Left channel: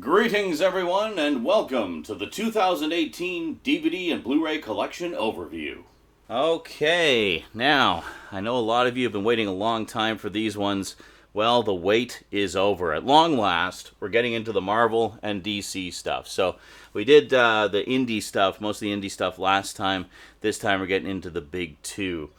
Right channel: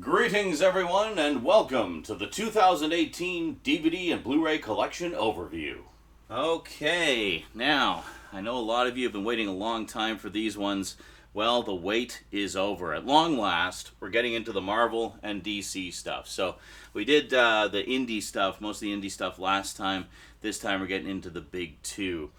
Greetings everyone and welcome to the 2018 DVD and Blu-ray collection overview. Okay, now, I know a lot of you have been waiting a long time for these ones. Well, the wait is over. At long last, we're getting into the Marvel and DC stuff. So, we did the indie stuff, most of the indie stuff last time. This time we're getting into the big two.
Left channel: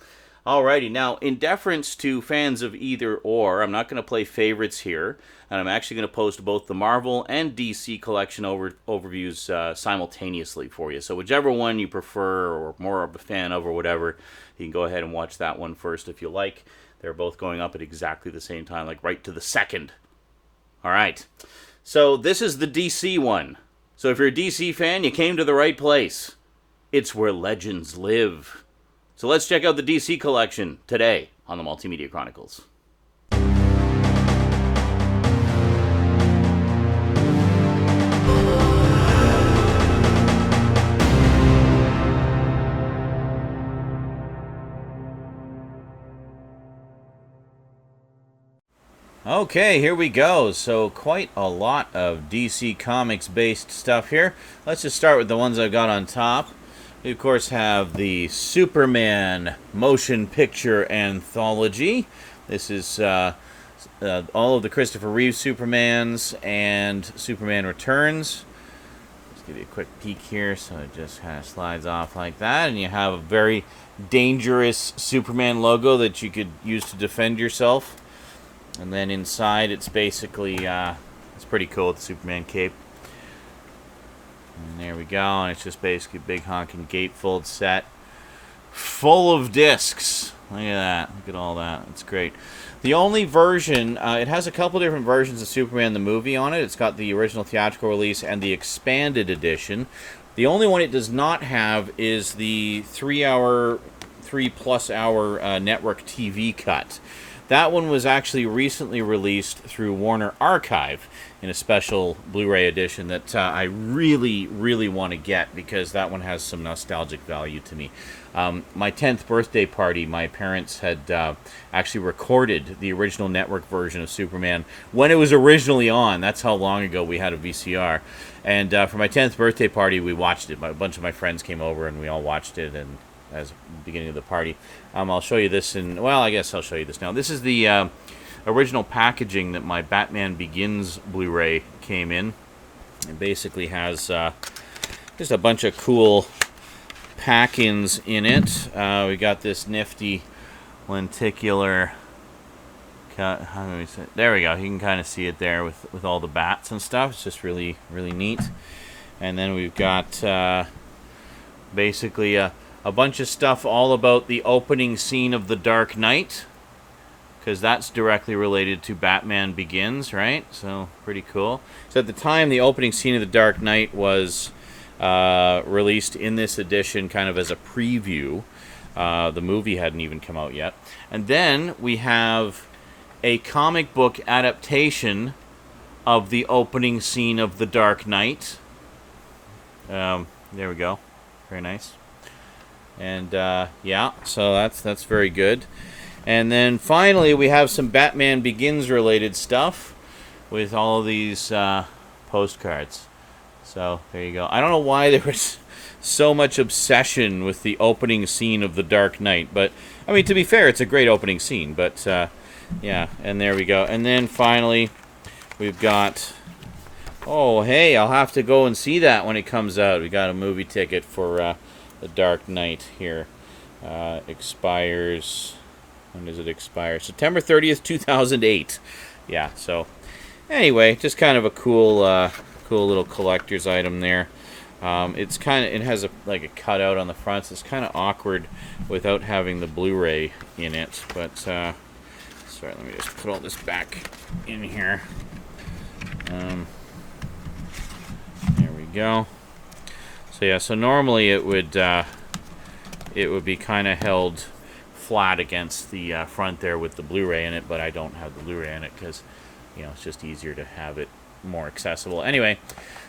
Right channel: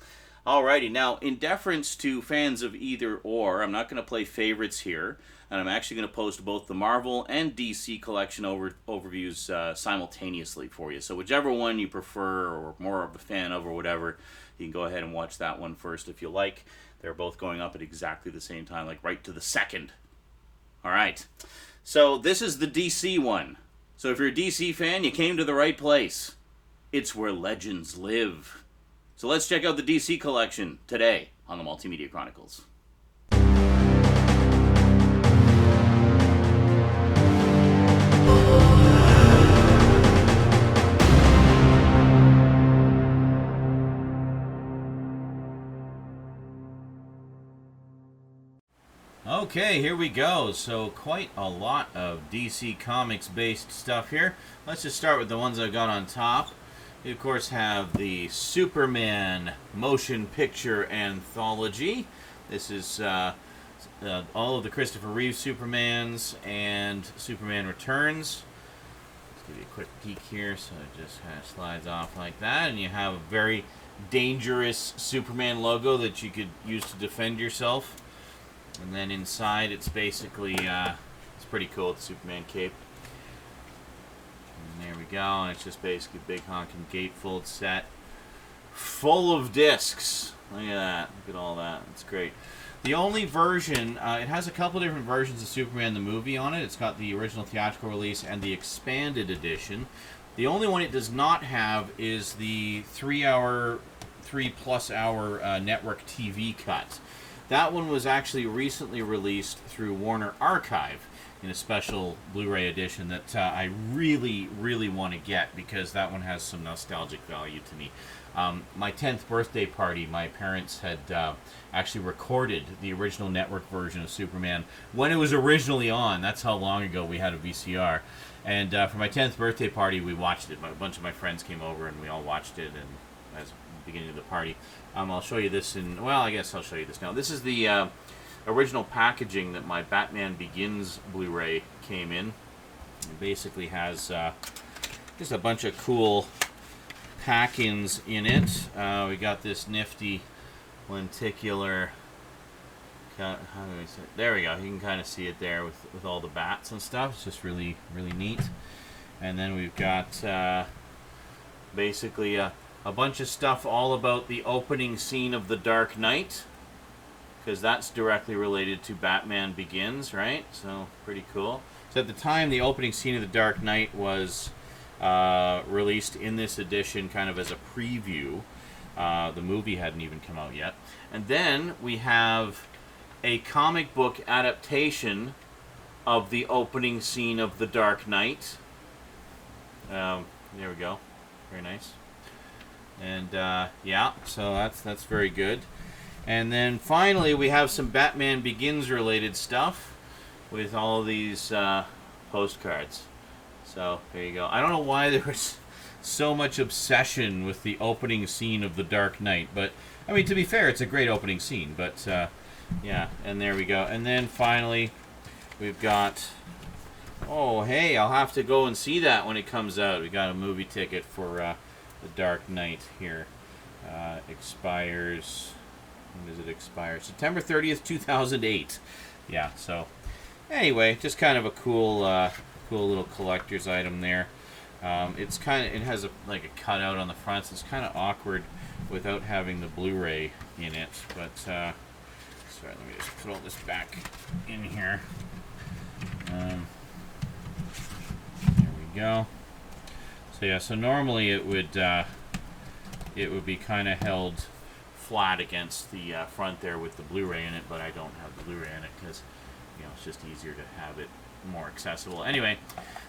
Alrighty, now, in deference to fans of either or, I'm not going to play favorites here, and I'm actually going to post both the Marvel and DC collection overviews simultaneously for you. So whichever one you prefer or more of a fan of or whatever, you can go ahead and watch that one first if you like. They're both going up at exactly the same time, like right to the second. Alright, so this is the DC one. So if you're a DC fan, you came to the right place. It's where legends live. So let's check out the DC collection today on the Multimedia Chronicles. Okay, here we go. So quite a lot of DC Comics based stuff here. Let's just start with the ones I've got on top. We, of course, have the Superman motion picture anthology. This is all of the Christopher Reeve Supermans and Superman Returns. Let's give you a quick peek here. So it just kind of slides off like that. And you have a very dangerous Superman logo that you could use to defend yourself. And then inside, it's basically, it's pretty cool with the Superman cape. And there we go, and it's just basically a big honking gatefold set full of discs. Look at that. Look at all that. It's great. The only version, it has a couple different versions of Superman the movie on it. It's got the original theatrical release and the expanded edition. The only one it does not have is the 3+ hour network TV cut. That one was actually recently released through Warner Archive in a special Blu-ray edition that I really, really want to get because that one has some nostalgic value to me. My 10th birthday party, my parents had actually recorded the original network version of Superman when it was originally on. That's how long ago we had a VCR. And for my 10th birthday party, we watched it. A bunch of my friends came over and we all watched it and as the beginning of the party. I'll show you this well, I guess I'll show you this now. This is the original packaging that my Batman Begins Blu-ray came in. It basically has just a bunch of cool pack-ins in it. We got this nifty lenticular cut. How do we say it? There we go. You can kind of see it there with all the bats and stuff. It's just really, really neat. And then we've got basically a bunch of stuff all about the opening scene of The Dark Knight, because that's directly related to Batman Begins, right? So, pretty cool. So at the time, the opening scene of The Dark Knight was released in this edition kind of as a preview. The movie hadn't even come out yet. And then we have a comic book adaptation of the opening scene of The Dark Knight. There we go. Very nice. And yeah, so that's very good. And then finally we have some Batman Begins related stuff with all of these postcards. So there you go. I don't know why there was so much obsession with the opening scene of The Dark Knight, but I mean, to be fair, it's a great opening scene. But yeah, and there we go. And then finally we've got, oh hey, I'll have to go and see that when it comes out. We got a movie ticket for The Dark Knight here. Expires, when does it expire? September 30th, 2008. Yeah, so anyway, just kind of a cool cool little collector's item there. It's kind of, it has like a cutout on the front, so it's kind of awkward without having the Blu-ray in it. But sorry, let me just put all this back in here. There we go. So yeah, so normally it would be kind of held flat against the front there with the Blu-ray in it, but I don't have the Blu-ray in it because, you know, it's just easier to have it more accessible. Anyway,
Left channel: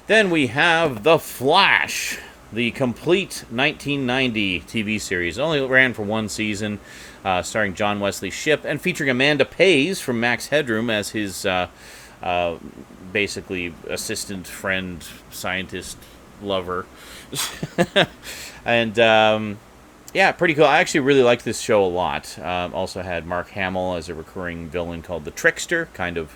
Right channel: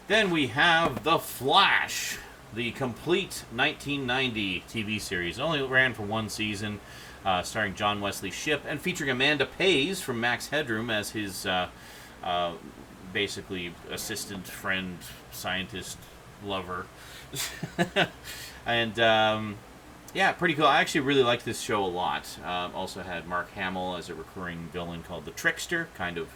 then we have The Flash, the complete 1990 TV series. It only ran for one season, starring John Wesley Shipp and featuring Amanda Pays from Max Headroom as his basically assistant, friend, scientist, lover. And yeah, pretty cool. I actually really liked this show a lot. Also had Mark Hamill as a recurring villain called the Trickster, kind of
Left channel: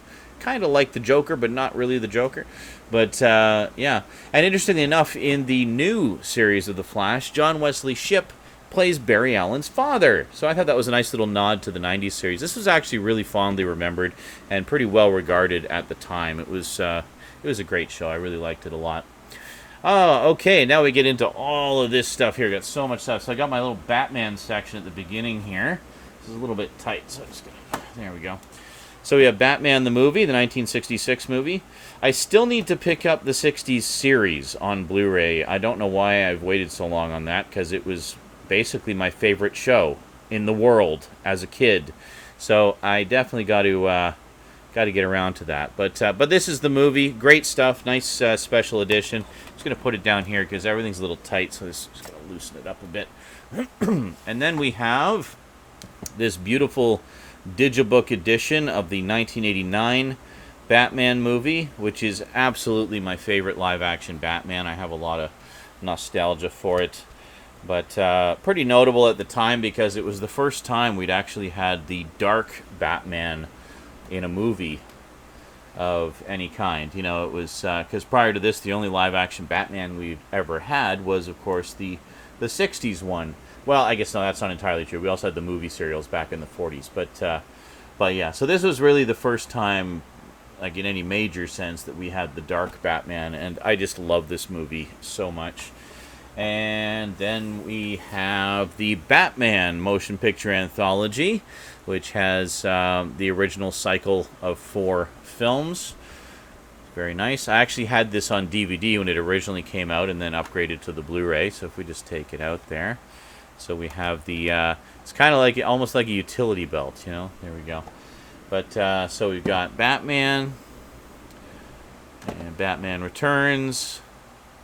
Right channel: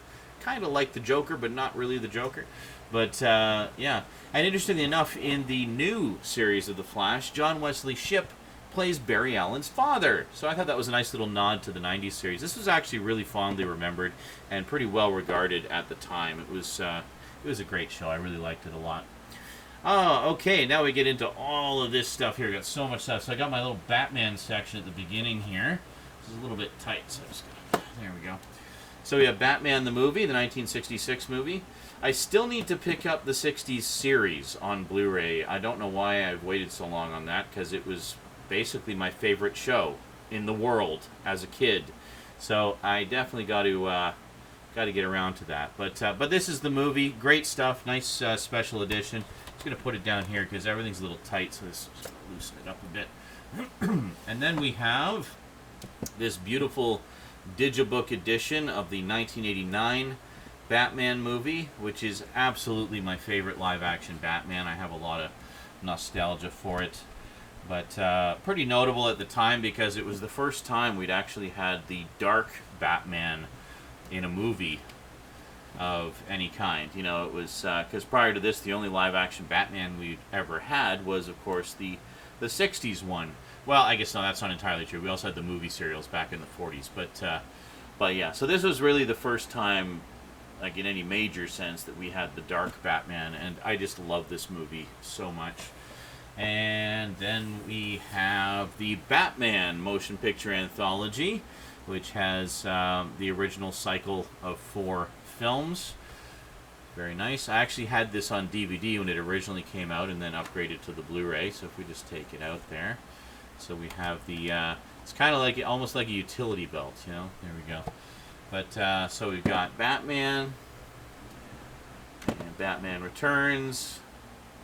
like the Joker, but not really the Joker. But yeah, and interestingly enough, in the new series of The Flash, John Wesley Shipp plays Barry Allen's father. So I thought that was a nice little nod to the 90s series. This was actually really fondly remembered and pretty well regarded at the time. It was a great show. I really liked it a lot. Oh, okay, now we get into all of this stuff here. Got so much stuff. So I got my little Batman section at the beginning here. This is a little bit tight, so I'm just gonna... There we go. So we have Batman the movie, the 1966 movie. I still need to pick up the 60s series on Blu-ray. I don't know why I've waited so long on that, because it was basically my favorite show in the world as a kid. So I definitely got to get around to that. But this is the movie. Great stuff. Nice special edition. I'm just going to put it down here because everything's a little tight, so this is going to loosen it up a bit. And then we have this beautiful Digibook edition of the 1989 Batman movie, which is absolutely my favorite live-action Batman. I have a lot of nostalgia for it. But pretty notable at the time because it was the first time we'd actually had the dark Batman in a movie of any kind. You know, it was because prior to this, the only live-action Batman we'd ever had was, of course, the 60s one. Well, I guess no, that's not entirely true. We also had the movie serials back in the 40s. But yeah, so this was really the first time, like in any major sense, that we had the dark Batman, and I just love this movie so much. And then we have the Batman motion picture anthology, which has the original cycle of 4 films. Very nice. I actually had this on DVD when it originally came out and then upgraded to the Blu-ray. So if we just take it out there. So we have the, it's kind of like, almost like a utility belt, you know. There we go. But, so we've got Batman and Batman Returns,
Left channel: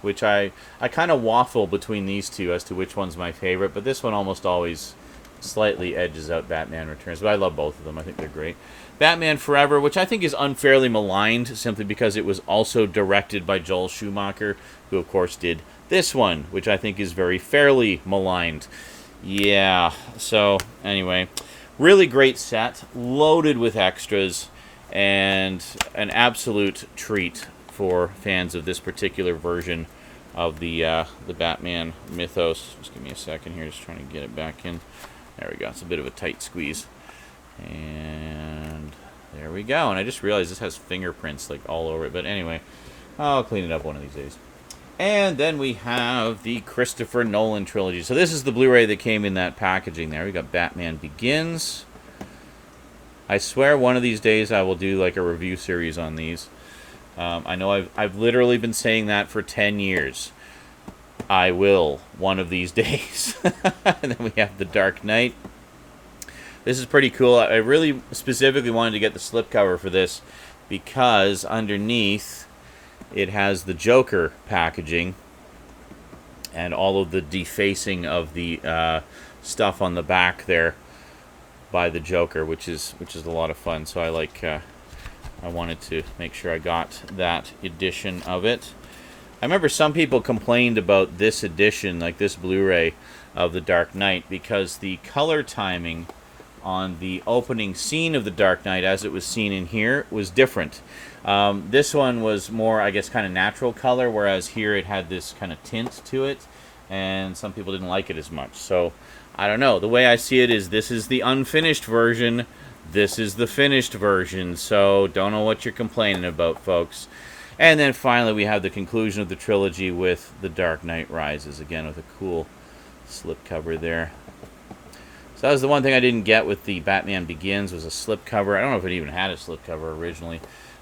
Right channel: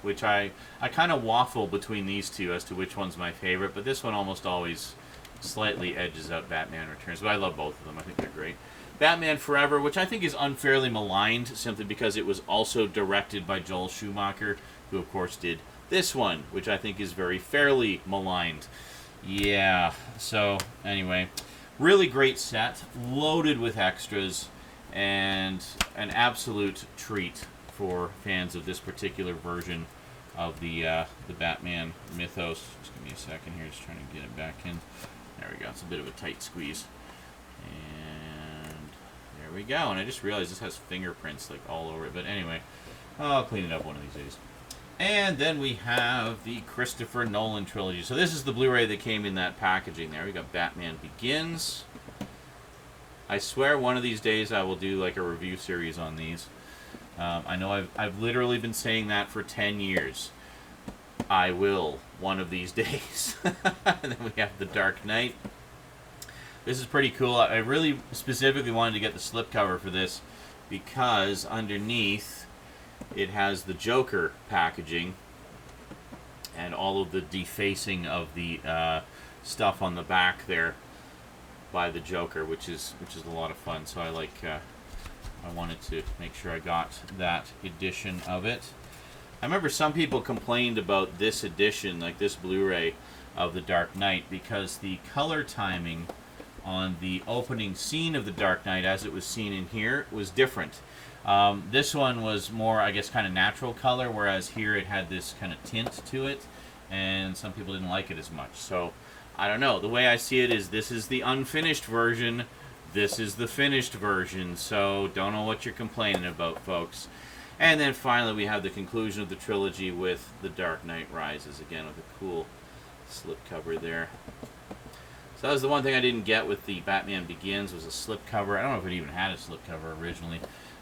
which I kind of waffle between these two as to which one's my favorite, but this one almost always slightly edges out Batman Returns. But I love both of them. I think they're great. Batman Forever, which I think is unfairly maligned simply because it was also directed by Joel Schumacher, who of course did this one, which I think is very fairly maligned. Yeah, so anyway, really great set, loaded with extras, and an absolute treat for fans of this particular version of the Batman mythos. Just give me a second here, just trying to get it back in. There we go. It's a bit of a tight squeeze. And there we go. And I just realized this has fingerprints like all over it. But anyway, I'll clean it up one of these days. And then we have the Christopher Nolan trilogy. So this is the Blu-ray that came in that packaging there. We got Batman Begins. I swear one of these days I will do like a review series on these. I know I've literally been saying that for 10 years. I will one of these days. And then we have The Dark Knight. This is pretty cool. I really specifically wanted to get the slipcover for this because underneath it has the Joker packaging and all of the defacing of the stuff on the back there by the Joker, which is a lot of fun. So I wanted to make sure I got that edition of it. I remember some people complained about this edition, like this Blu-ray of The Dark Knight, because the color timing on the opening scene of The Dark Knight, as it was seen in here, was different. This one was more, I guess, kind of natural color, whereas here it had this kind of tint to it, and some people didn't like it as much. So, I don't know. The way I see it is this is the unfinished version, this is the finished version, so don't know what you're complaining about, folks. And then finally we have the conclusion of the trilogy with The Dark Knight Rises, again with a cool slipcover there. So that was the one thing I didn't get with the Batman Begins, was a slipcover. I don't know if it even had a slipcover originally,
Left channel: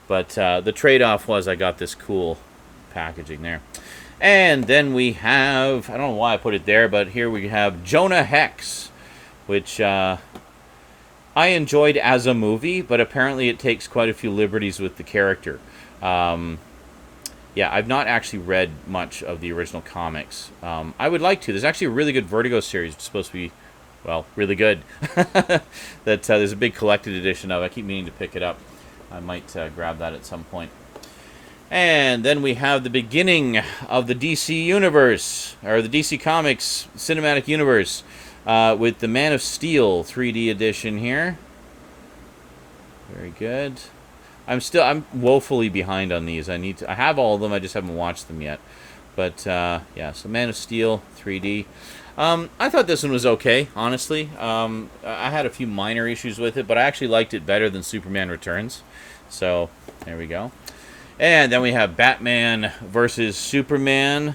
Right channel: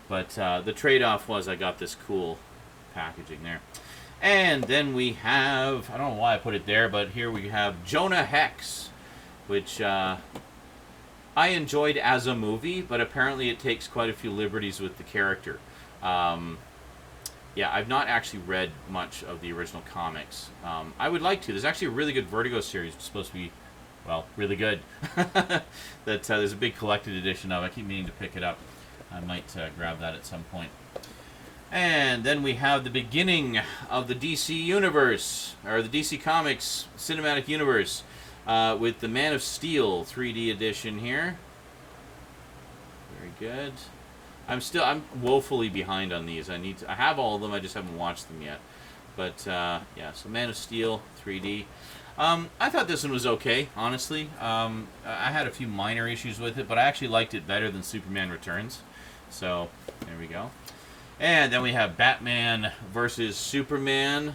but the trade-off was I got this cool packaging there. And then we have, I don't know why I put it there, but here we have Jonah Hex, which I enjoyed as a movie, but apparently it takes quite a few liberties with the character. Yeah, I've not actually read much of the original comics. I would like to. There's actually a really good Vertigo series. It's supposed to be, well, really good. That there's a big collected edition of. I keep meaning to pick it up. I might grab that at some point. And then we have the beginning of the DC Universe, or the DC Comics Cinematic Universe, with the Man of Steel 3D edition here. Very good. I'm woefully behind on these. I have all of them, I just haven't watched them yet. But, yeah, so Man of Steel 3D. I thought this one was okay, honestly. I had a few minor issues with it, but I actually liked it better than Superman Returns. So, there we go. And then we have Batman versus Superman,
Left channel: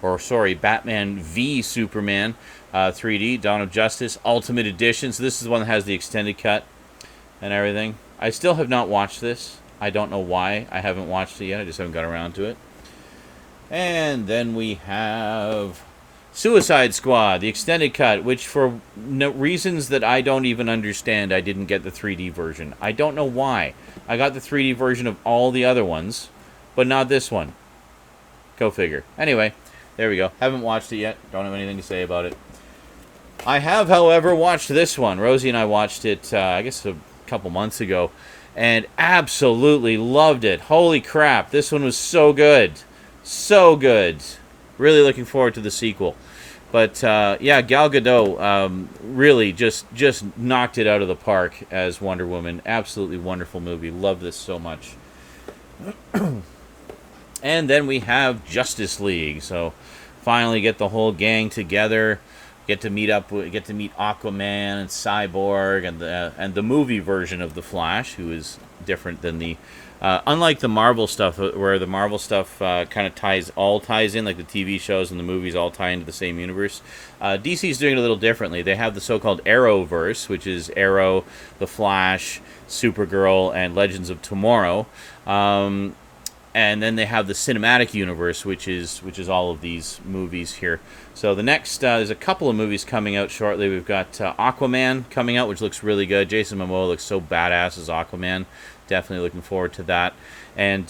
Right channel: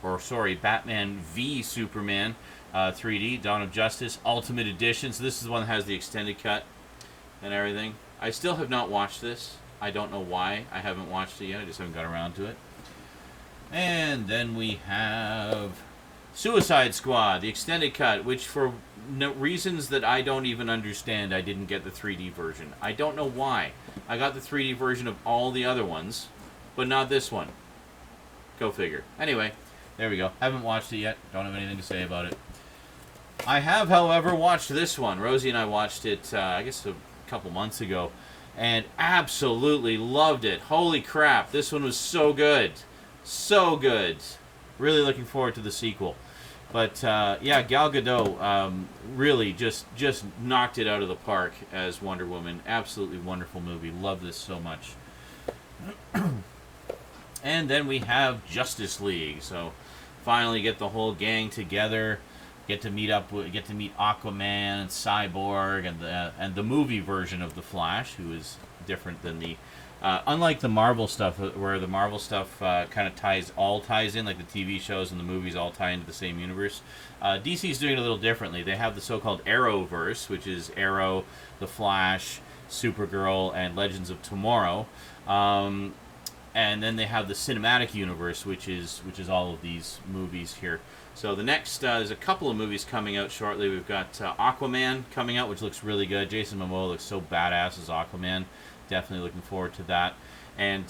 or sorry, Batman v Superman 3D, Dawn of Justice, Ultimate Edition. So this is the one that has the extended cut and everything. I still have not watched this. I don't know why I haven't watched it yet. I just haven't got around to it. And then we have Suicide Squad, the extended cut, which for reasons that I don't even understand, I didn't get the 3D version. I don't know why. I got the 3D version of all the other ones, but not this one. Go figure. Anyway, there we go. Haven't watched it yet. Don't have anything to say about it. I have, however, watched this one. Rosie and I watched it, I guess, a couple months ago, and absolutely loved it. Holy crap, this one was so good. So good. Really looking forward to the sequel. But, yeah, Gal Gadot really just knocked it out of the park as Wonder Woman. Absolutely wonderful movie. Love this so much. And then we have Justice League. So, finally get the whole gang together. Get to meet Aquaman and Cyborg and the movie version of the Flash, who is different than the... unlike the Marvel stuff, where the Marvel stuff kind of ties in, like the TV shows and the movies all tie into the same universe, DC's doing it a little differently. They have the so-called Arrowverse, which is Arrow, the Flash, Supergirl, and Legends of Tomorrow. And then they have the cinematic universe, which is all of these movies here. So the next, there's a couple of movies coming out shortly. We've got Aquaman coming out, which looks really good. Jason Momoa looks so badass as Aquaman. Definitely looking forward to that. And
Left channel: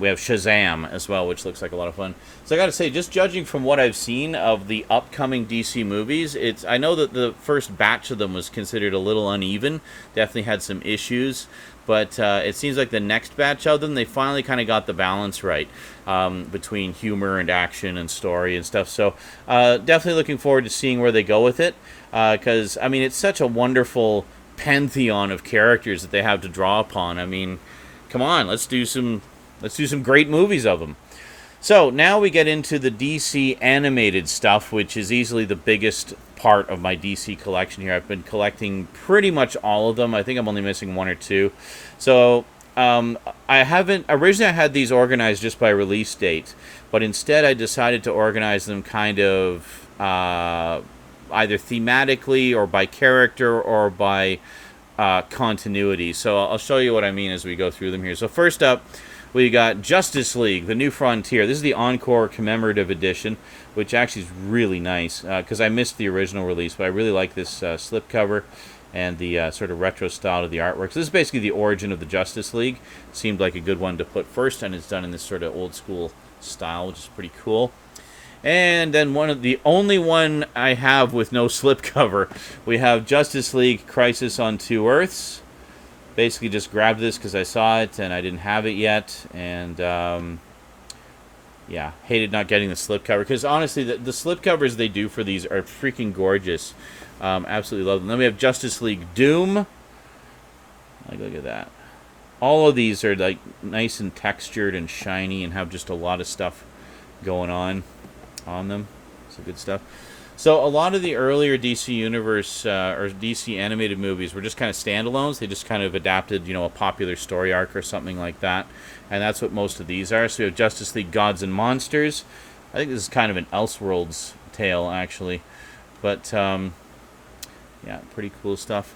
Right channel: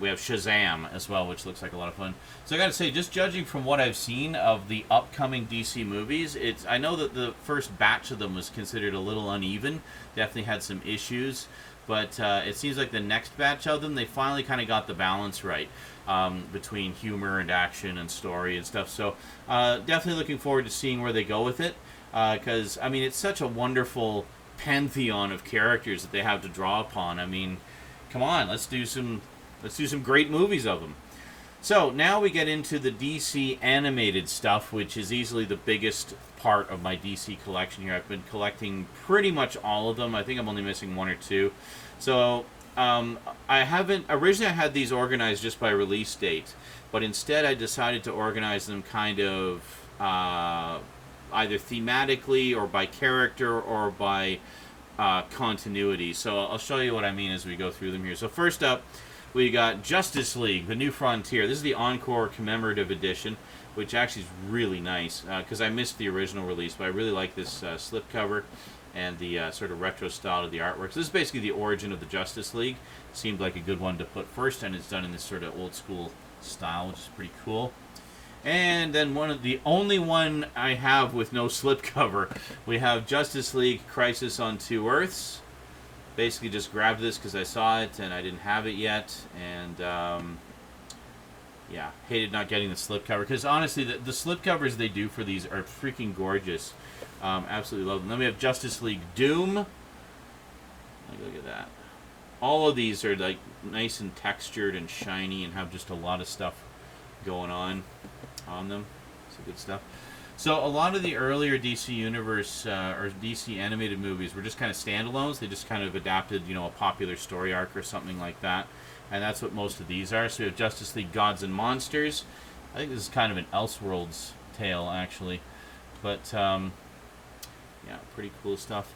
we have Shazam as well, which looks like a lot of fun. So I got to say, just judging from what I've seen of the upcoming DC movies, I know that the first batch of them was considered a little uneven. Definitely had some issues. But it seems like the next batch of them, they finally kind of got the balance right between humor and action and story and stuff. So definitely looking forward to seeing where they go with it. Because, I mean, it's such a wonderful pantheon of characters that they have to draw upon. I mean, come on, let's do some great movies of them. So now we get into the DC animated stuff, which is easily the biggest part of my DC collection here. I've been collecting pretty much all of them. I think I'm only missing one or two. So I had these organized just by release date, but instead I decided to organize them kind of either thematically or by character or by continuity. So I'll show you what I mean as we go through them here. So first up, we got Justice League, The New Frontier. This is the Encore Commemorative Edition, which actually is really nice, because I missed the original release, but I really like this slipcover and the sort of retro style of the artwork. So this is basically the origin of the Justice League. Seemed like a good one to put first, and it's done in this sort of old school style, which is pretty cool. And then the only one I have with no slipcover, we have Justice League Crisis on Two Earths. Basically just grabbed this because I saw it and I didn't have it yet, and yeah, hated not getting the slipcover, because honestly the slipcovers they do for these are freaking gorgeous. Absolutely love them. Then we have Justice League Doom. Like, look at that. All of these are like nice and textured and shiny and have just a lot of stuff going on them. So good stuff. So a lot of the earlier DC Universe or DC animated movies were just kind of standalones. They just kind of adapted, a popular story arc or something like that. And that's what most of these are. So we have Justice League Gods and Monsters. I think this is kind of an Elseworlds tale, actually. But, yeah, pretty cool stuff.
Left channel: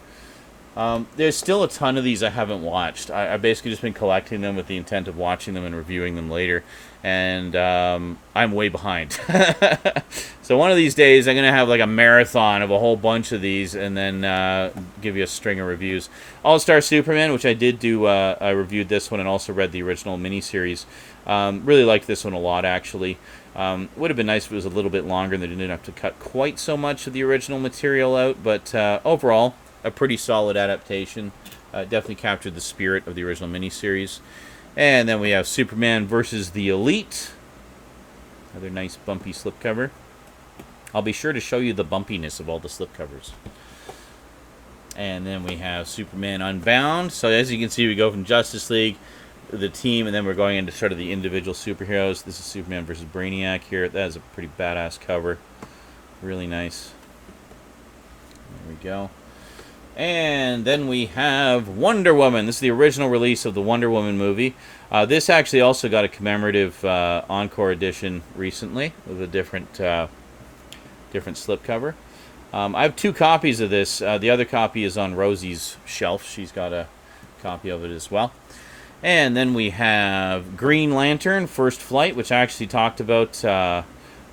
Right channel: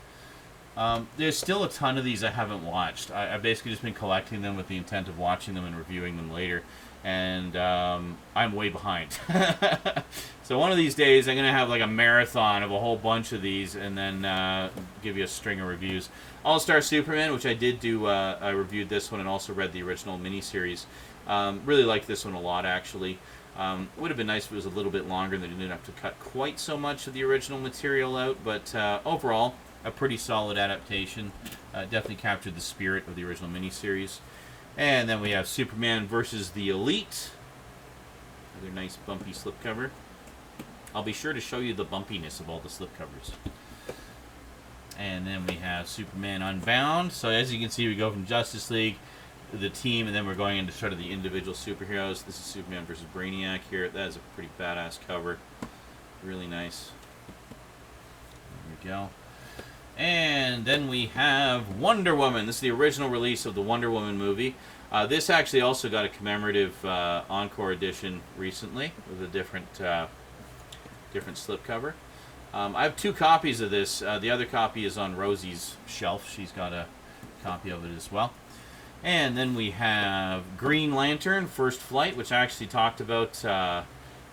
There's still a ton of these I haven't watched. I've basically just been collecting them with the intent of watching them and reviewing them later. And I'm way behind. So one of these days I'm going to have like a marathon of a whole bunch of these and then give you a string of reviews. All-Star Superman, which I did do, I reviewed this one and also read the original miniseries. Really liked this one a lot, actually. Would have been nice if it was a little bit longer and they didn't have to cut quite so much of the original material out, but overall, a pretty solid adaptation. Definitely captured the spirit of the original miniseries. And then we have Superman versus the Elite. Another nice bumpy slipcover. I'll be sure to show you the bumpiness of all the slipcovers. And then we have Superman Unbound. So as you can see, we go from Justice League, the team, and then we're going into sort of the individual superheroes. This is Superman versus Brainiac here. That is a pretty badass cover. Really nice. There we go. And then we have Wonder Woman. This is the original release of the Wonder Woman movie. This actually also got a commemorative encore edition recently with a different slipcover. I have 2 copies of this. The other copy is on Rosie's shelf. She's got a copy of it as well. And then we have Green Lantern, First Flight, which I actually talked about a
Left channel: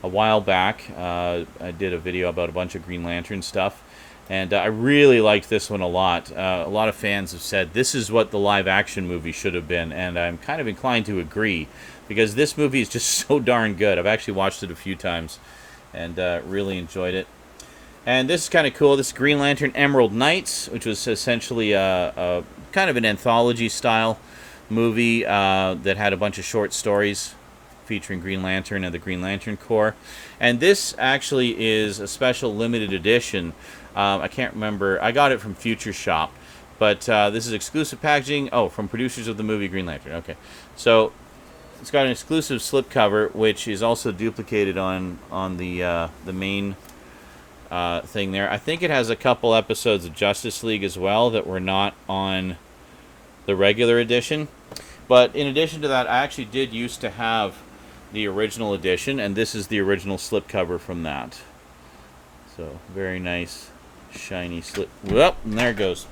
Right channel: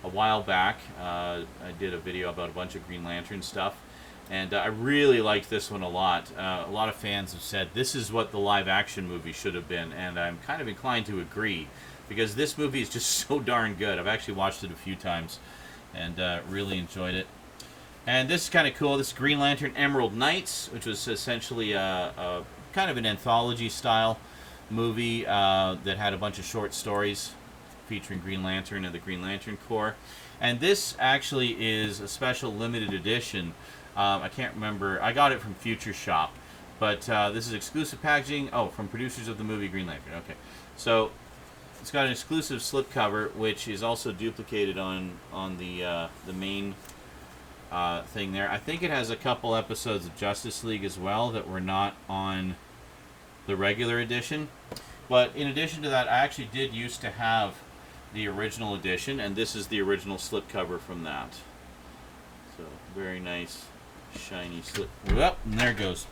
while back. I did a video about a bunch of Green Lantern stuff. And I really liked this one a lot. A lot of fans have said this is what the live-action movie should have been, and I'm kind of inclined to agree, because this movie is just so darn good. I've actually watched it a few times, and really enjoyed it. And this is kind of cool. This is Green Lantern Emerald Knights, which was essentially a kind of an anthology-style movie that had a bunch of short stories featuring Green Lantern and the Green Lantern Corps. And this actually is a special limited edition. I can't remember. I got it from Future Shop. But this is exclusive packaging. Oh, from producers of the movie Green Lantern. Okay. So it's got an exclusive slipcover, which is also duplicated on the main thing there. I think it has a couple episodes of Justice League as well that were not on the regular edition. But in addition to that, I actually did used to have the original edition, and this is the original slipcover from that. So, very nice, shiny slip. Whoop, and there it goes.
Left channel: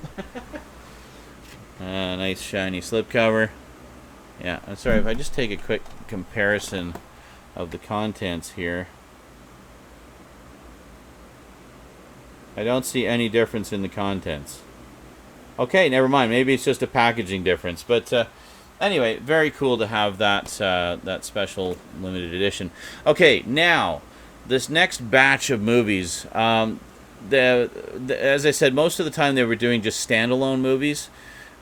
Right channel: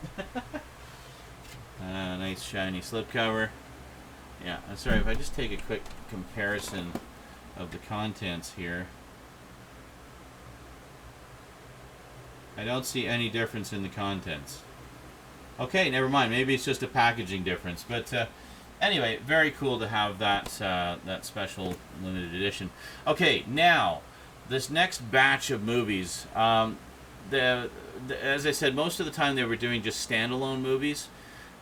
Nice, shiny slipcover. Yeah, I'm sorry, if I just take a quick comparison of the contents here. I don't see any difference in the contents. Okay, never mind. Maybe it's just a packaging difference. But anyway, very cool to have that that special limited edition. Okay, now this next batch of movies. As I said, most of the time they were doing just standalone movies.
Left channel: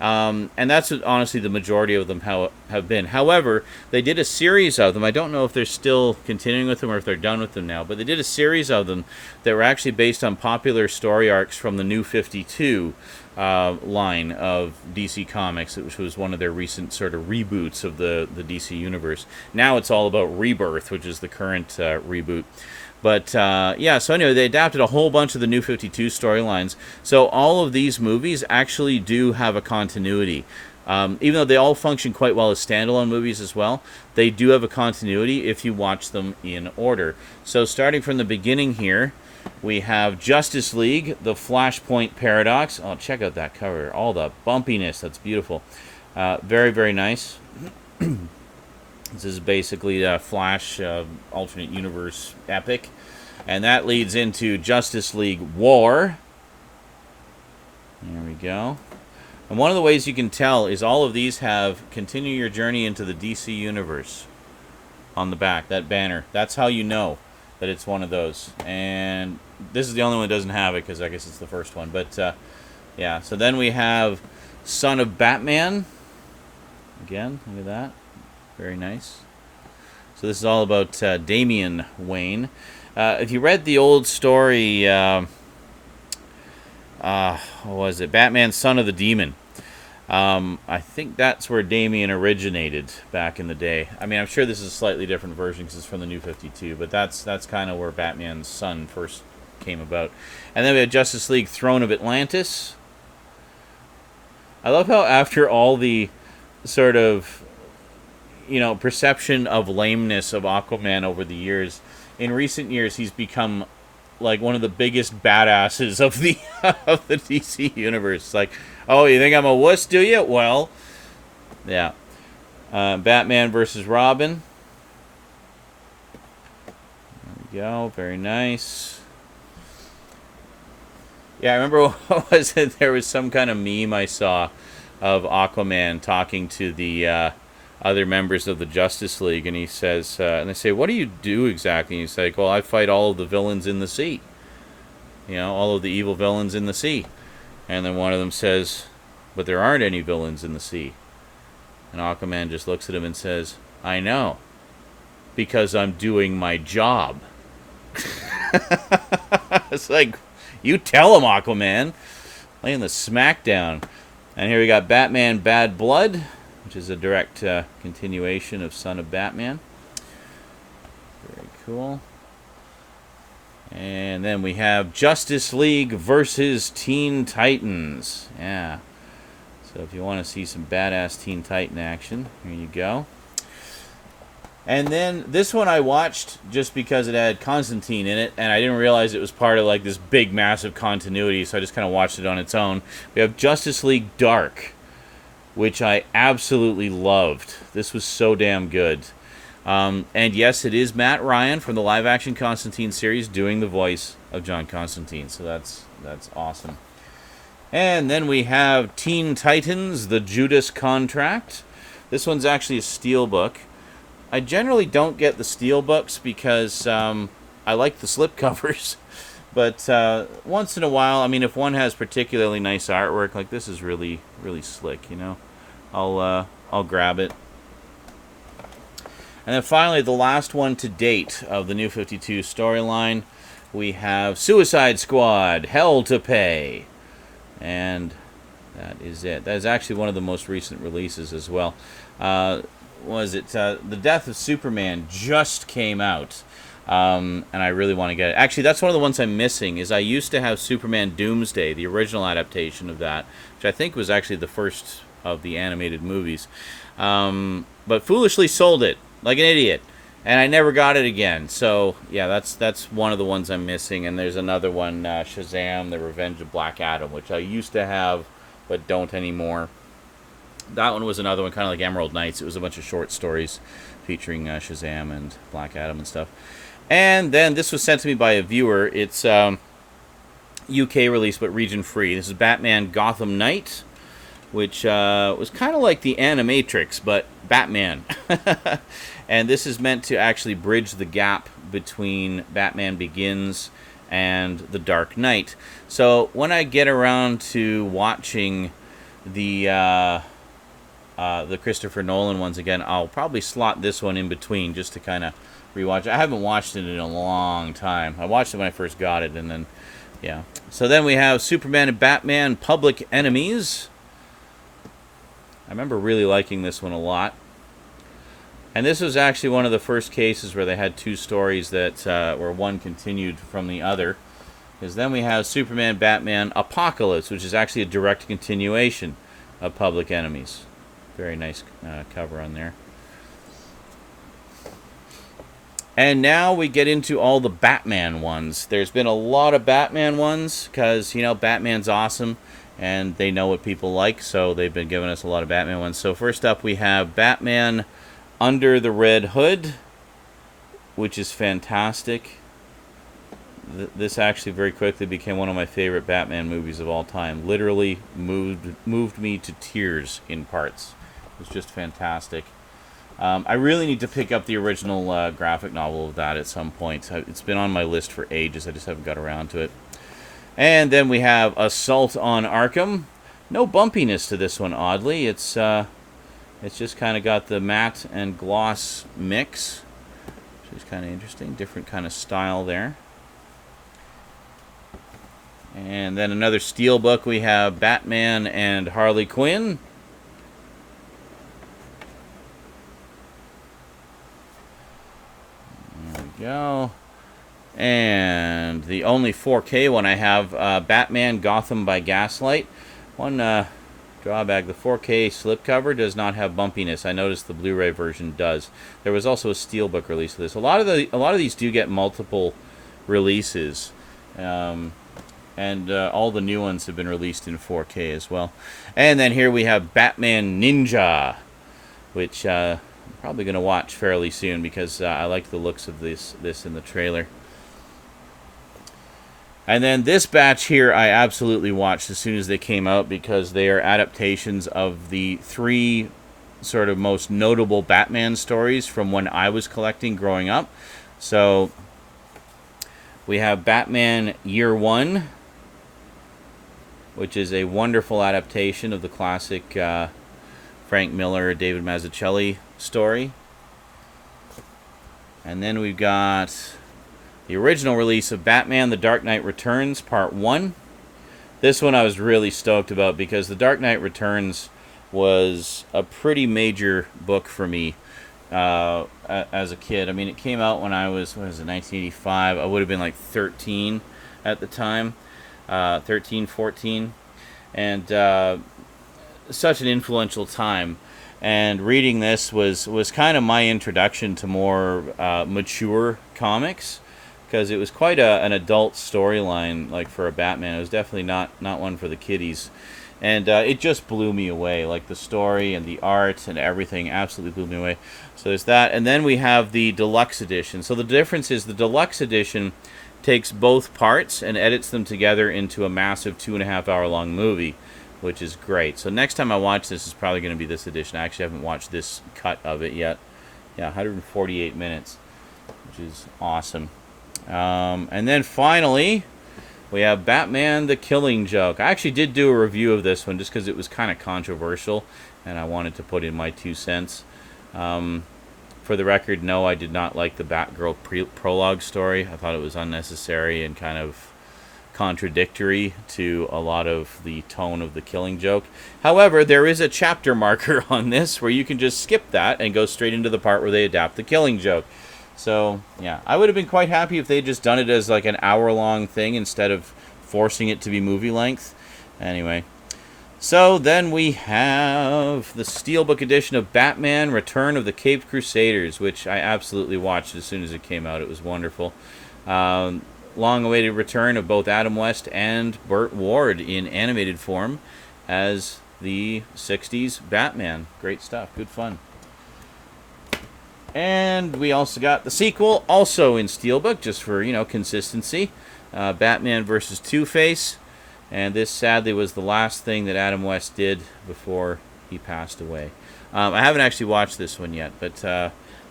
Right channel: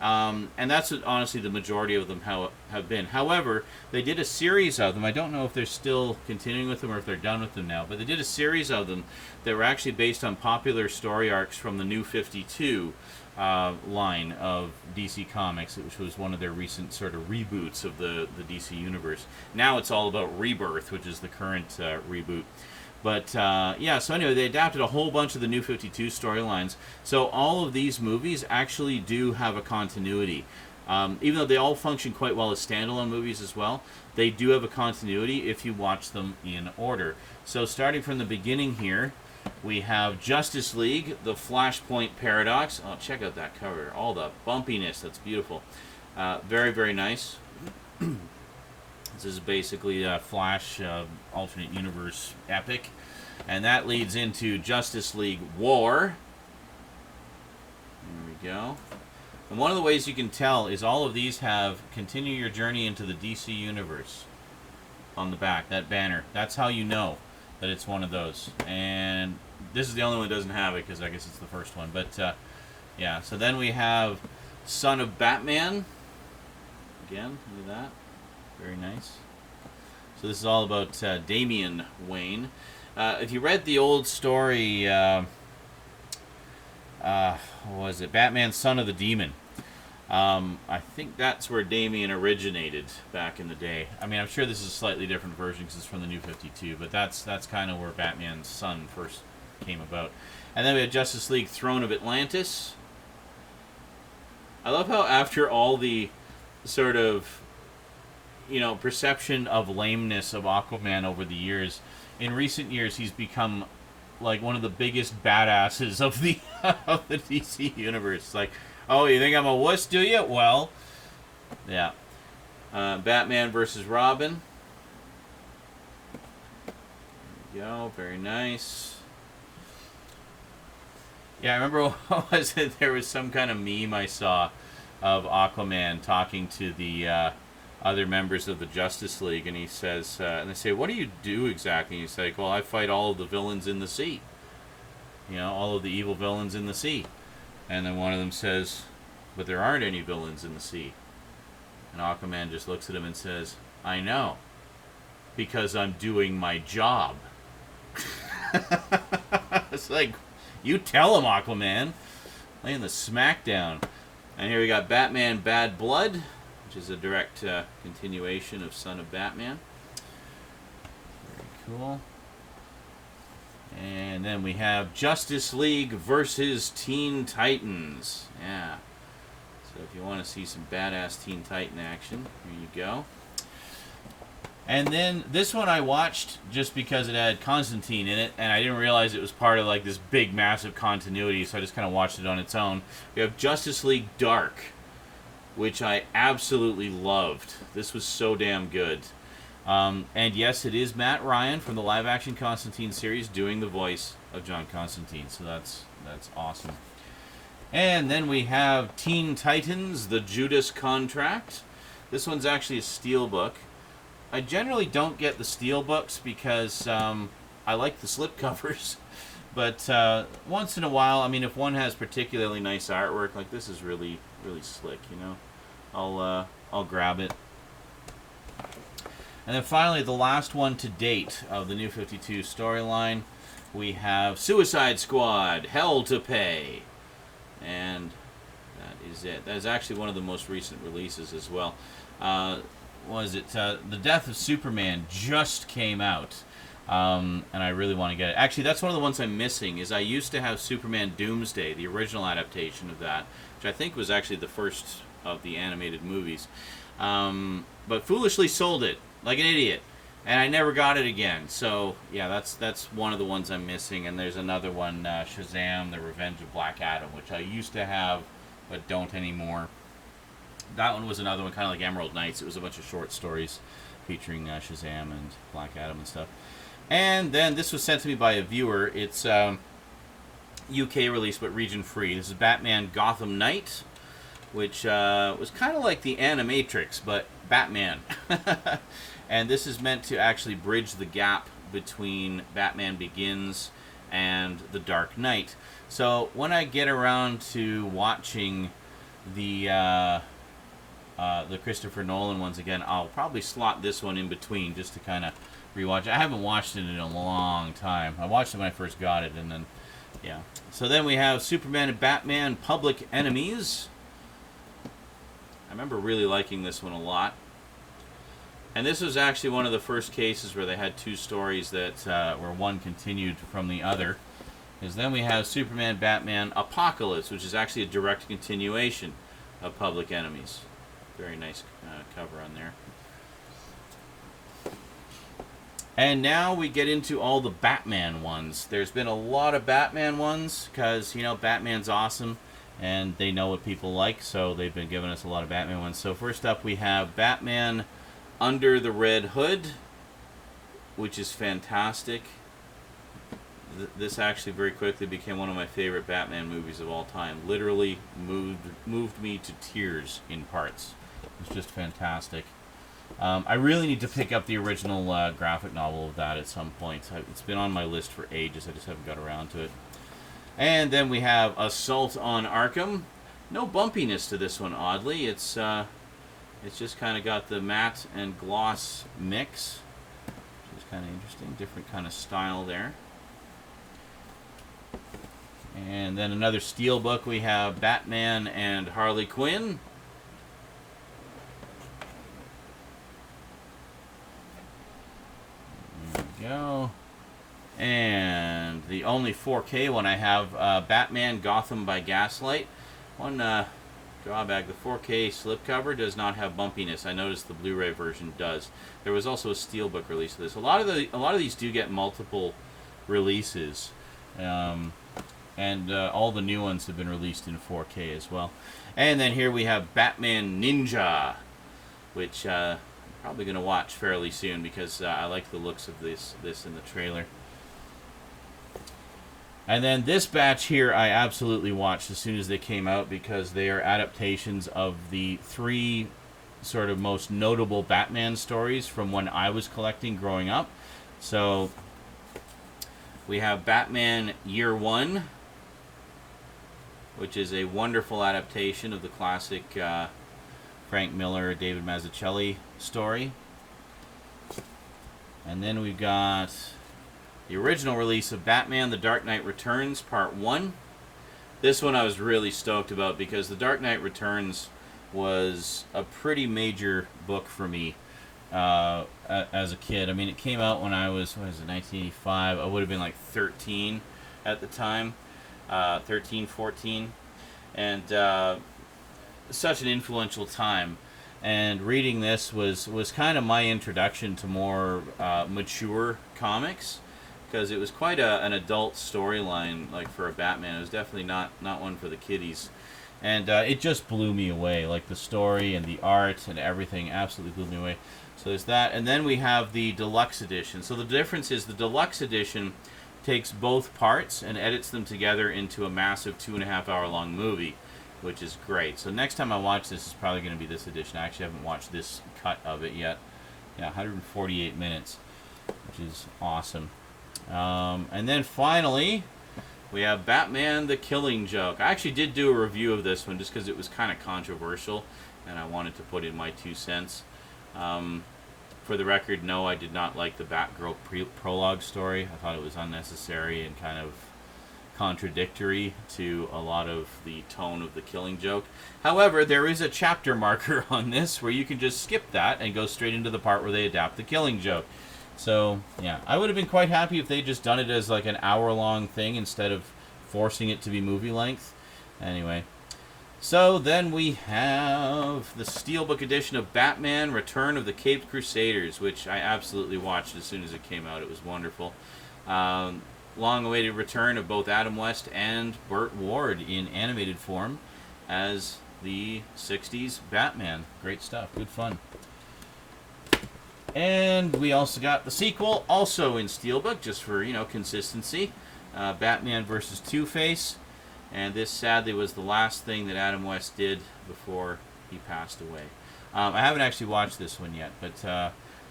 And that's what, honestly, the majority of them have been. However, they did a series of them. I don't know if they're still continuing with them or if they're done with them now. But they did a series of them that were actually based on popular story arcs from the New 52 line of DC Comics, which was one of their recent sort of reboots of the DC Universe. Now it's all about Rebirth, which is the current reboot. But, yeah, so anyway, they adapted a whole bunch of the New 52 storylines. So all of these movies actually do have a continuity. Even though they all function quite well as standalone movies as well, they do have a continuity if you watch them in order. So starting from the beginning here, we have Justice League, the Flashpoint Paradox. Oh, check out that cover. All the bumpiness. That's beautiful. Very, very nice. This is basically a Flash alternate universe epic. And that leads into Justice League War. There we go. And one of the ways you can tell is all of these have continue your journey into the DC universe on the back, that banner. That's how you know that it's one of those. And this is the only one that doesn't have it because I guess it's the first one. But yeah, so then we have Son of Batman. Again, look at that. Very nice. So this is all about Damian Wayne. If you read the old story, what was it? Batman, Son of the Demon. I think that's where Damian originated back in the day. I mean, I'm sure this is a slightly different version because it's from the New 52, but that's kind of where Batman's son first came about. And then we have Justice League Throne of Atlantis. I love how after all the sort of, you know, perception of lameness of Aquaman over the years, in recent years he's become like one of the biggest badasses of the of the DC universe. Like, oh, you think I'm a wuss, do you? Well, yeah. Batman versus Robin. There we go. Very nice. Yeah, I remember, what was it? There was some kind of meme I saw of Aquaman talking to the other members of the Justice League, and he says, and they say, what do you do exactly? And he's like, well, I fight all of the villains in the sea. You know, all of the evil villains in the sea. And then one of them says, but there aren't any villains in the sea. And Aquaman just looks at him and says, I know, because I'm doing my job. It's like, you tell him, Aquaman. Laying the smackdown. And here we got Batman Bad Blood, which is a direct continuation of Son of Batman. Very cool. And then we have Justice League versus Teen Titans. Yeah. So if you want to see some badass Teen Titan action, here you go. And then this one I watched just because it had Constantine in it, and I didn't realize it was part of like this big, massive continuity, so I just kind of watched it on its own. We have Justice League Dark, which I absolutely loved. This was so damn good. And yes, it is Matt Ryan from the live-action Constantine series doing the voice of John Constantine, so that's awesome. And then we have Teen Titans, The Judas Contract. This one's actually a Steelbook. I generally don't get the Steelbooks because I like the slipcovers. But once in a while, I mean, if one has particularly nice artwork, like this is really, really slick, you know, I'll grab it. And then finally, the last one to date of the New 52 storyline, we have Suicide Squad, Hell to Pay. And that is it. That is actually one of the most recent releases as well. The Death of Superman just came out, and I really want to get it. Actually, that's one of the ones I'm missing, is I used to have Superman Doomsday, the original adaptation of that, which I think was actually the first of the animated movies, but foolishly sold it, like an idiot, and I never got it again. So, yeah, that's one of the ones I'm missing, and there's another one, Shazam, The Revenge of Black Adam, which I used to have, but don't anymore. That one was another one, kind of like Emerald Knights. It was a bunch of short stories featuring Shazam and Black Adam and stuff. And then this was sent to me by a viewer. It's UK release, but region free. This is Batman Gotham Knight, which was kind of like the Animatrix, but Batman. And this is meant to actually bridge the gap between Batman Begins and The Dark Knight. So when I get around to watching the Christopher Nolan ones again, I'll probably slot this one in between just to kind of rewatch. I haven't watched it in a long time. I watched it when I first got it, and then, yeah. So then we have Superman and Batman Public Enemies. I remember really liking this one a lot. And this was actually one of the first cases where they had two stories that where one continued from the other. Because then we have Superman Batman Apocalypse, which is actually a direct continuation of Public Enemies. Very nice cover on there. And now we get into all the Batman ones. There's been a lot of Batman ones because, you know, Batman's awesome and they know what people like, so they've been giving us a lot of Batman ones. So first up we have Batman Under the Red Hood, which is fantastic. This actually very quickly became one of my favorite Batman movies of all time. Literally moved me to tears in parts. It's just fantastic. I really need to pick up the original graphic novel of that at some point. It's been on my list for ages. I just haven't got around to it. And then we have Assault on Arkham. No bumpiness to this one, oddly. It's just kind of got the matte and gloss mix, which is kind of interesting. Different kind of style there. And then another Steelbook, we have Batman and Harley Quinn. There we go. And the only 4K one I have, Batman Gotham by Gaslight. One drawback, the 4K slipcover does not have bumpiness. I noticed the Blu-ray version does. There was also a Steelbook release of this. A lot of these do get multiple releases. And all the new ones have been released in 4K as well. And then here we have Batman Ninja, which I'm probably going to watch fairly soon because I like the looks of this in the trailer. And then this batch here I absolutely watched as soon as they came out because they are adaptations of the three sort of most notable Batman stories from when I was collecting growing up. So we have Batman Year One, which is a wonderful adaptation of the classic Frank Miller, David Mazzucchelli story. And then we've got the original release of Batman The Dark Knight Returns Part 1. This one I was really stoked about because The Dark Knight Returns was a pretty major book for me as a kid. I mean, it came out when I was, 1985? I would have been like 13 at the time. 13, 14. And such an influential time. And reading this was kind of my introduction to more mature comics, because it was quite an adult storyline, like for a Batman. It was definitely not one for the kiddies. And it just blew me away. Like the story and the art and everything absolutely blew me away. So there's that. And then we have the deluxe edition. So the difference is the deluxe edition takes both parts and edits them together into a massive 2.5 hour long movie, which is great. So next time I watch this is probably going to be this edition. I actually haven't watched this cut of it yet. Yeah, 148 minutes, which is awesome. And then finally, we have Batman the Killing Joke. I actually did do a review of this one just because it was kind of controversial, and I wanted to put in my 2 cents. For the record, no, I did not like the Batgirl prologue story. I thought it was unnecessary and kind of contradictory to a lot of the tone of the Killing Joke. However, there is a chapter marker on this where you can just skip that and go straight into the part where they adapt the Killing Joke. So, yeah, I would have been quite happy if they'd just done it as like an hour-long thing instead of forcing it to be movie length. Anyway, so then we have the Steelbook edition of Batman Return of the Caped Crusaders, which I absolutely watched as soon as it came out. It was wonderful. Long-awaited return of both Adam West and Burt Ward in animated form as the 60s Batman. Great stuff. Good fun. And we also got the sequel, also in Steelbook, just for, consistency. Batman vs. Two-Face. And this, sadly, was the last thing that Adam West did before he passed away. I haven't actually watched this one yet, but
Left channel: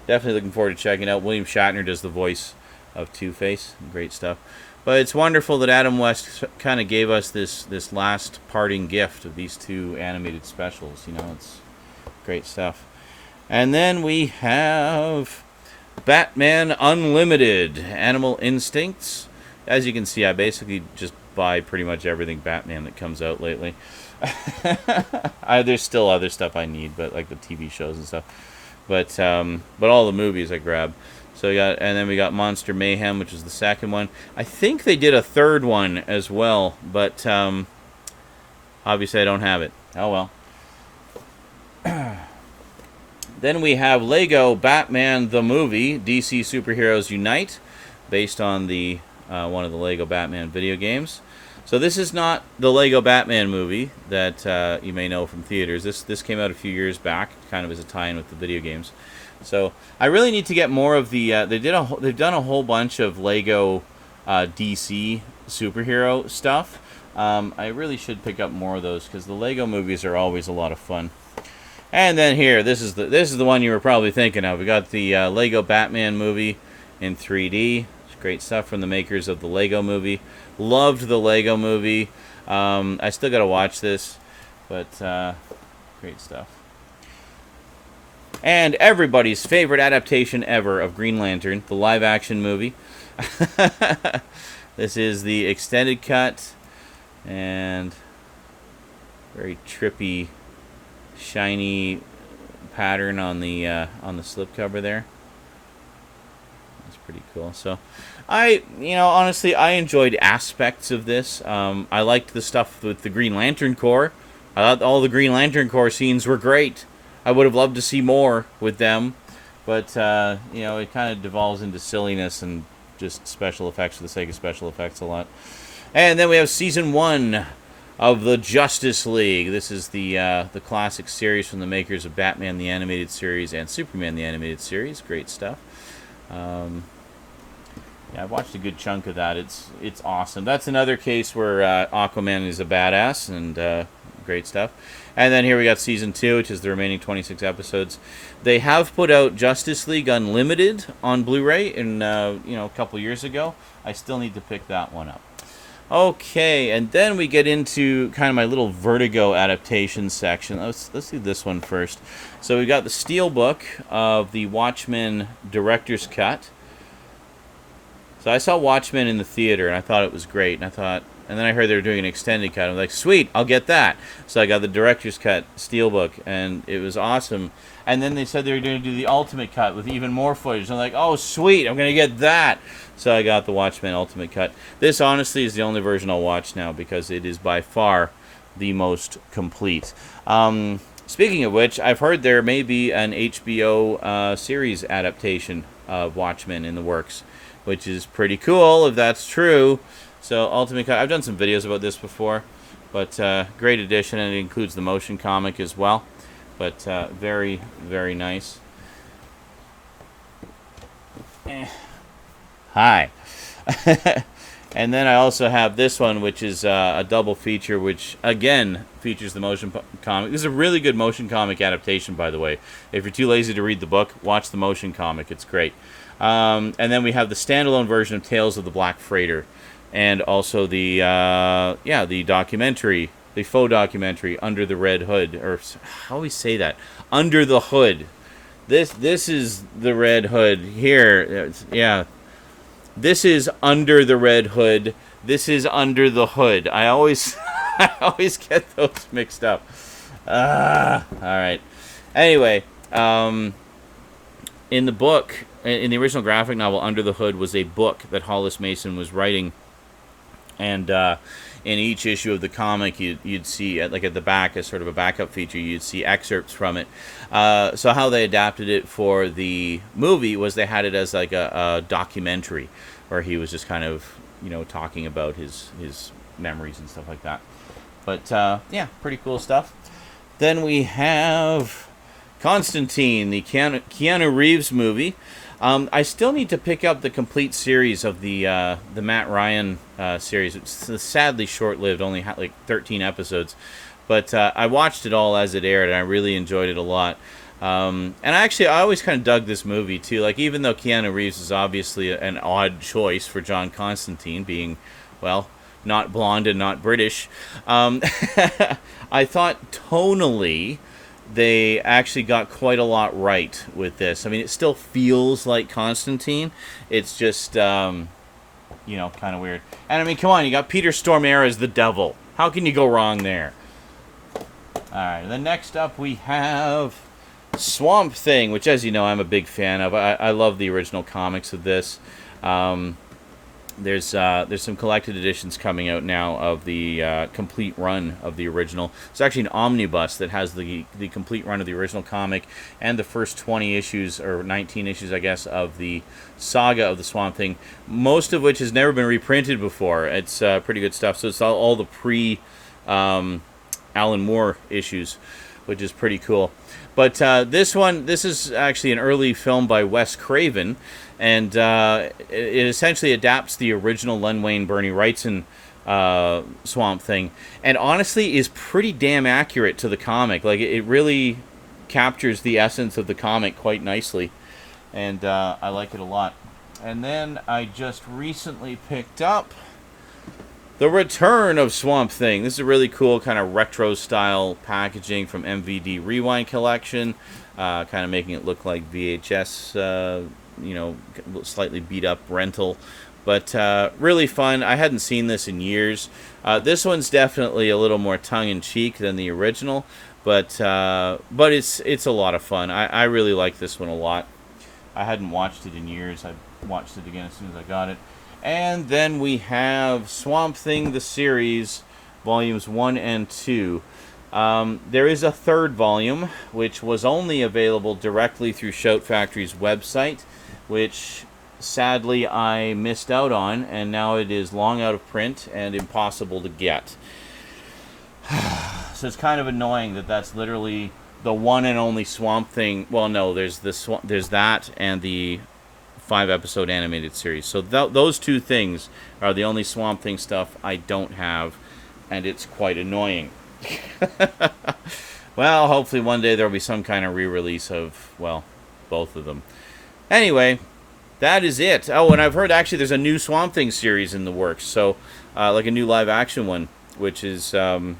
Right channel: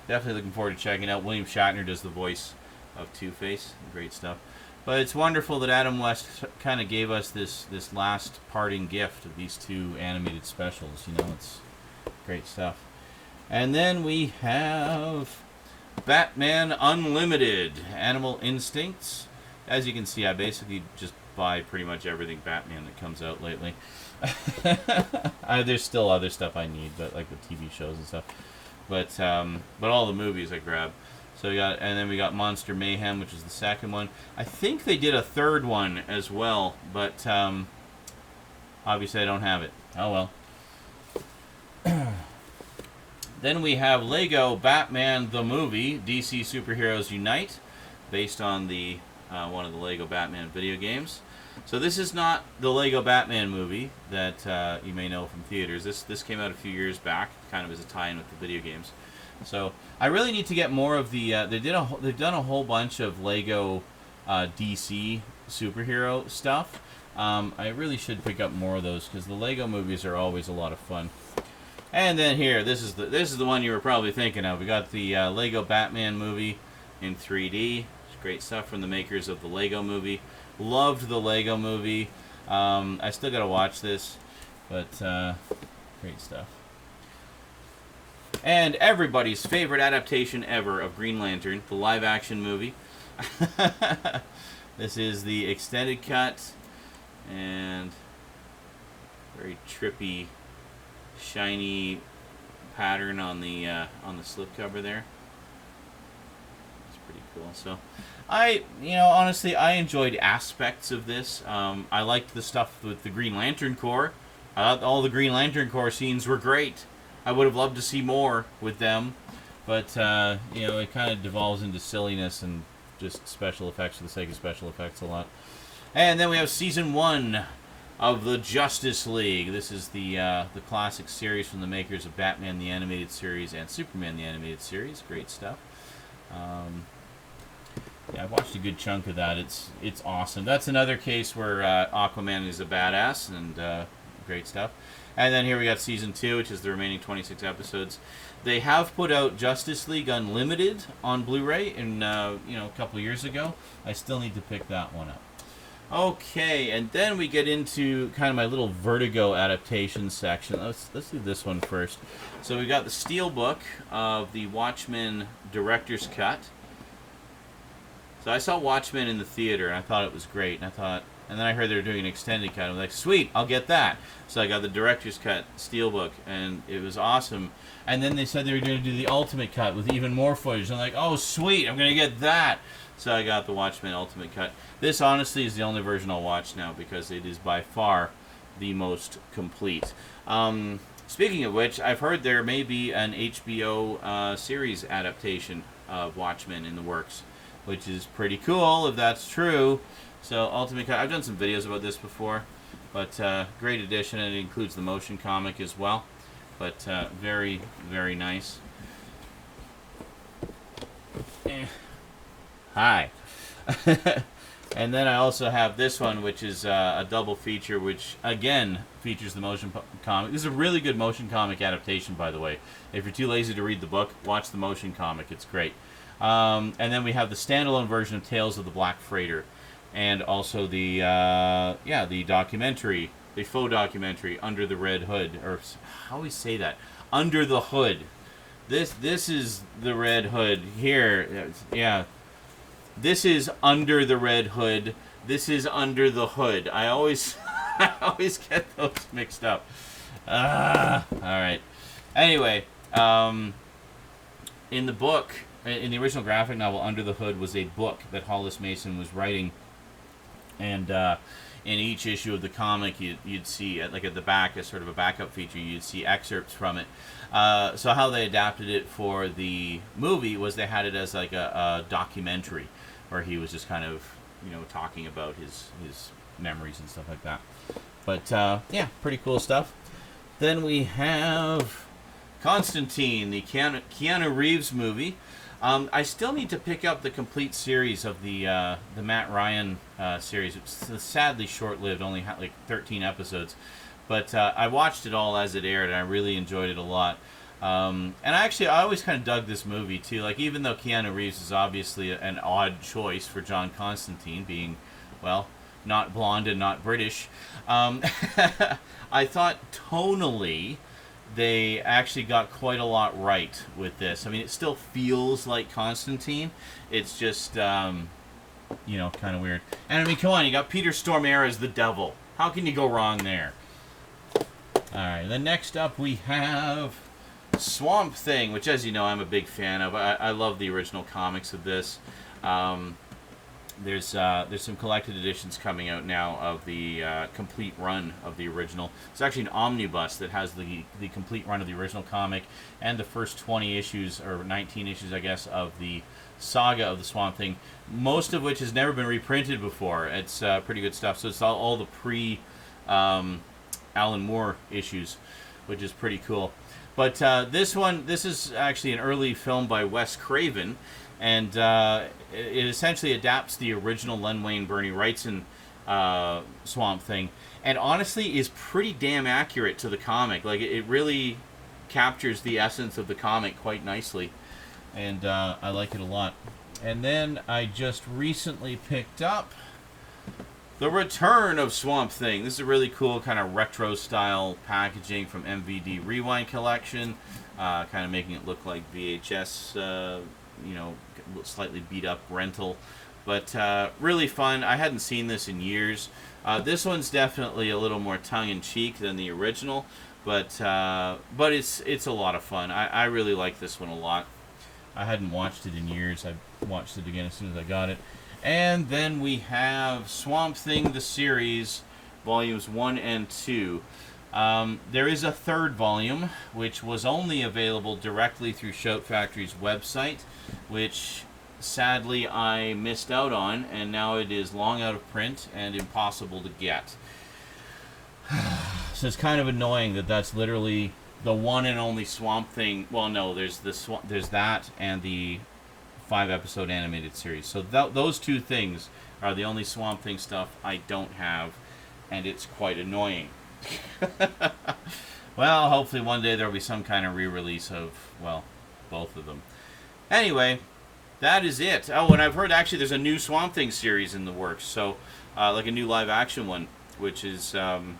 definitely looking forward to checking it out. William Shatner does the voice of Two-Face. Great stuff. But it's wonderful that Adam West kind of gave us this last parting gift of these 2 animated specials. It's great stuff. And then we have Batman Unlimited, Animal Instincts. As you can see, I basically just buy pretty much everything Batman that comes out lately. There's still other stuff I need, but like the TV shows and stuff. But all the movies I grab. So and then we got Monster Mayhem, which is the second one. I think they did a third one as well, but obviously I don't have it. Oh well. Then we have Lego Batman the Movie, DC Superheroes Unite, based on the one of the Lego Batman video games. So this is not the Lego Batman movie that you may know from theaters. This came out a few years back, kind of as a tie-in with the video games. So I really need to get more of the. They've done a whole bunch of Lego DC superhero stuff. I really should pick up more of those because the Lego movies are always a lot of fun. And then here, this is the one you were probably thinking of. We got the Lego Batman movie in 3D. It's great stuff from the makers of the Lego movie. Loved the Lego movie. I still got to watch this, but great stuff. And everybody's favorite adaptation ever of Green Lantern, the live-action movie. This is the extended cut, and very trippy, shiny pattern on the slipcover there. That's pretty cool. So, honestly, I enjoyed aspects of this. I liked the stuff with the Green Lantern Corps. I thought all the Green Lantern Corps scenes were great. I would have loved to see more with them, but it kind of devolves into silliness and just special effects for the sake of special effects a lot. And then we have Season 1 of the Justice League. This is the classic series from the makers of Batman the Animated Series and Superman the Animated Series. Great stuff. I've watched a good chunk of that. It's awesome. That's another case where Aquaman is a badass, and great stuff. And then here we got Season 2, which is the remaining 26 episodes. They have put out Justice League Unlimited on Blu-ray a couple years ago. I still need to pick that one up. Okay, and then we get into kind of my little Vertigo adaptation section. Let's do this one first. So we got the Steelbook of the Watchmen Director's Cut. So I saw Watchmen in the theater, and I thought it was great. And then I heard they were doing an extended cut. I'm like, sweet, I'll get that. So I got the Director's Cut Steelbook, and it was awesome. And then they said they were going to do the Ultimate Cut with even more footage. I'm like, oh, sweet, I'm going to get that. So I got the Watchmen Ultimate Cut. This, honestly, is the only version I'll watch now because it is by far the most complete. Speaking of which, I've heard there may be an HBO series adaptation of Watchmen in the works, which is pretty cool if that's true. So Ultimate Cut, I've done some videos about this before, but great addition, and it includes the motion comic as well. But very, very nice. Hi. And then I also have this one, which is a double feature, which, again, features the motion comic. This is a really good motion comic adaptation, by the way. If you're too lazy to read the book, watch the motion comic. It's great. And then we have the standalone version of Tales of the Black Freighter, and also the the documentary, the faux documentary, Under the Red Hood, or how do we say that? Under the Hood. This is the Red Hood here. Yeah. This is Under the Red Hood. This is Under the Hood. I always get those mixed up. All right. Anyway, in the book, in the original graphic novel, Under the Hood was a book that Hollis Mason was writing, and in each issue of the comic, you'd see, like at the back, as sort of a backup feature, you'd see excerpts from it. So how they adapted it for the movie was they had it as like a documentary, where he was just kind of, talking about his memories and stuff like that. But yeah, pretty cool stuff. Then we have Constantine, the Keanu Reeves movie. I still need to pick up the complete series of the Matt Ryan series. It's sadly short-lived, only like 13 episodes. But I watched it all as it aired, and I really enjoyed it a lot. And I always kind of dug this movie, too. Like, even though Keanu Reeves is obviously an odd choice for John Constantine, being, well, not blonde and not British, I thought tonally they actually got quite a lot right with this. I mean, it still feels like Constantine. It's just, kind of weird. And I mean, come on, you got Peter Stormare as the devil. How can you go wrong there? Alright, then next up we have Swamp Thing, which, as you know, I'm a big fan of. I love the original comics of this. There's some collected editions coming out now of the complete run of the original. It's actually an omnibus that has the complete run of the original comic and the first 20 issues, or 19 issues, I guess, of the saga of the Swamp Thing, most of which has never been reprinted before. It's pretty good stuff. So it's all the Alan Moore issues, which is pretty cool. But this is actually an early film by Wes Craven, and it essentially adapts the original Len Wein, Bernie Wrightson Swamp Thing, and honestly is pretty damn accurate to the comic. Like, it really captures the essence of the comic quite nicely, and I like it a lot. And then I just recently picked up The Return of Swamp Thing. This is a really cool kind of retro-style packaging from MVD Rewind Collection, kind of making it look like VHS, slightly beat-up rental. But really fun. I hadn't seen this in years. This one's definitely a little more tongue-in-cheek than the original, but it's a lot of fun. I really like this one a lot. I hadn't watched it in years. I watched it again as soon as I got it. And then we have Swamp Thing, the series, volumes 1 and 2. There is a third volume, which was only available directly through Shout Factory's website, which sadly I missed out on, and now it is long out of print and impossible to get. So it's kind of annoying that that's literally the one and only Swamp Thing. Well, no, there's that and the 5-episode animated series. So those two things are the only Swamp Thing stuff I don't have, and it's quite annoying. Well, hopefully one day there'll be some kind of re-release of, well, both of them. Anyway, that is it. Oh, and I've heard actually there's a new Swamp Thing series in the works. So, like a new live action one, which is, was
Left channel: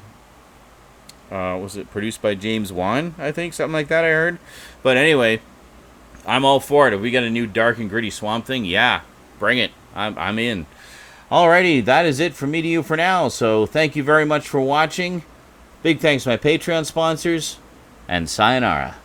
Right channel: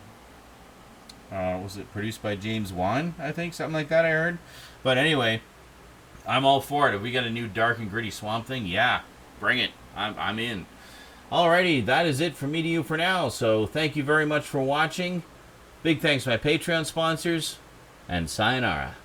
it produced by James Wan? I think, something like that I heard. But anyway, I'm all for it. If we got a new dark and gritty Swamp Thing, yeah, bring it. I'm in. Alrighty, that is it from me to you for now. So thank you very much for watching. Big thanks to my Patreon sponsors, and sayonara.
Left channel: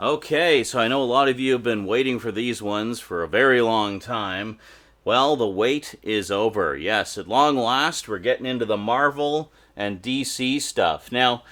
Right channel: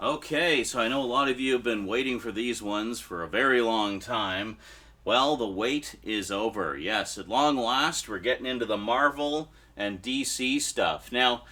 Okay, so I know a lot of you have been waiting for these ones for a very long time. Well, the wait is over. Yes, at long last, we're getting into the Marvel and DC stuff. Now,